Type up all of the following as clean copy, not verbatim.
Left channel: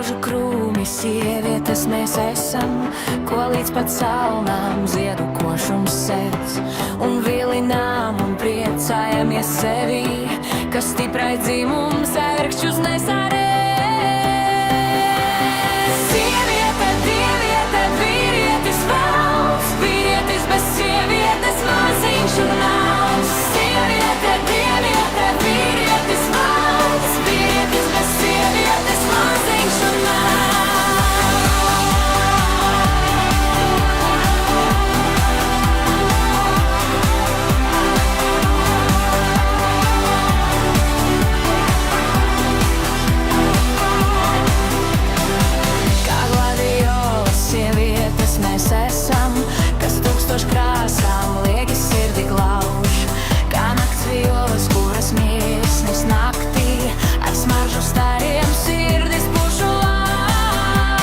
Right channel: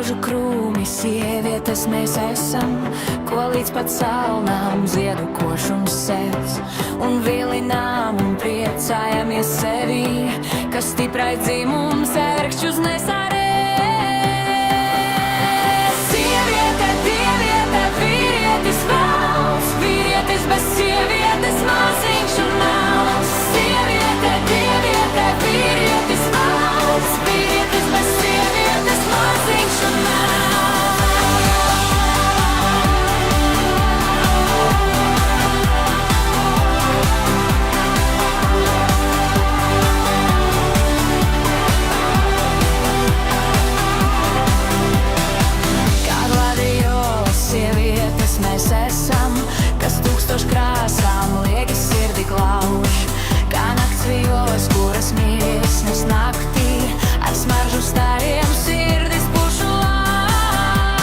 rožu krūmi, sievietes mēs esam, ko līdz pat salnām ziedu košums sēdz. Un vilinām un priecājamies sevī, kas stiprai dzimums ērkšķus nesarē. Sieviete, dieviete, vīrietis valsts, vīrietis bez sievietes maziņš un nauds. Sieviete, dieviete, vīrietis valsts, vīrietis bez sievietes maziņš un nauds. Mēs esam, kas tūkstoš krāsām liegi sirdi glauž, kā nakts vijos, kuras miesnes naktī ar smaržu stariem sirdis pušu lauž.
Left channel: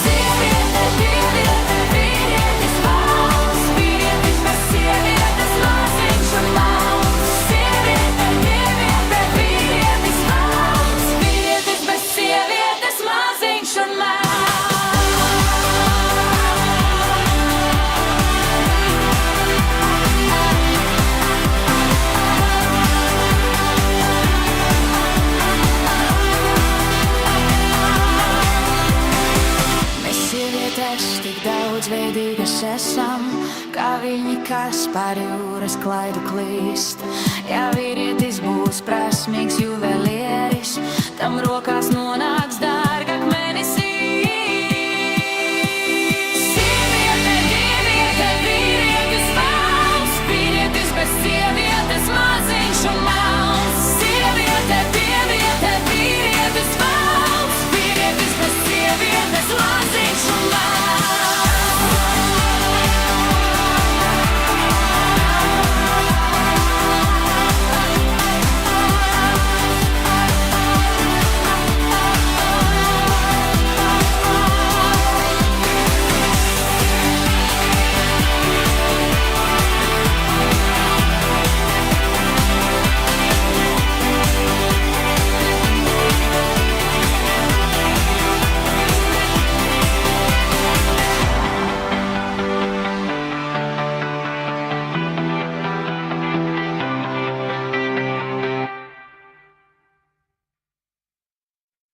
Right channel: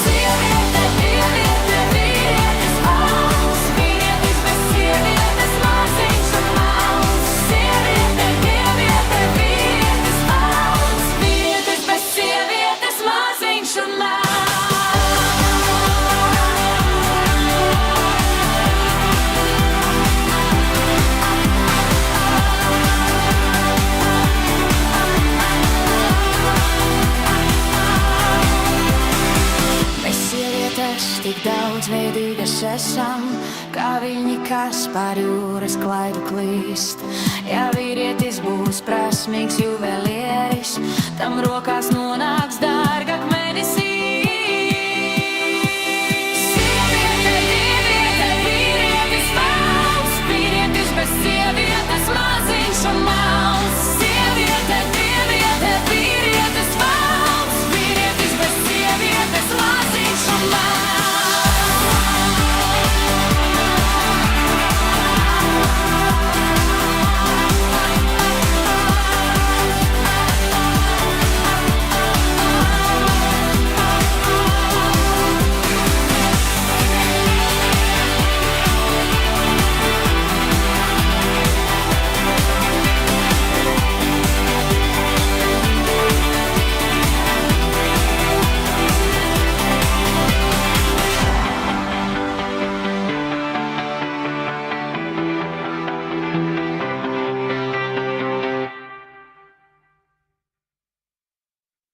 Sieviete, dieviete, vīrietis valsts, vīrietis bez sievietes maziņš un nauds. Sieviete, dieviete, vīrietis valsts, vīrietis bez sievietes maziņš un nauds. Sievietes tik daudzveidīgas esam, kā viņi, kas pār jūras klaidu klīst. Ja vīrietis būs prasmīgs juvelieris, tam rokās nonāks dārgakmenis.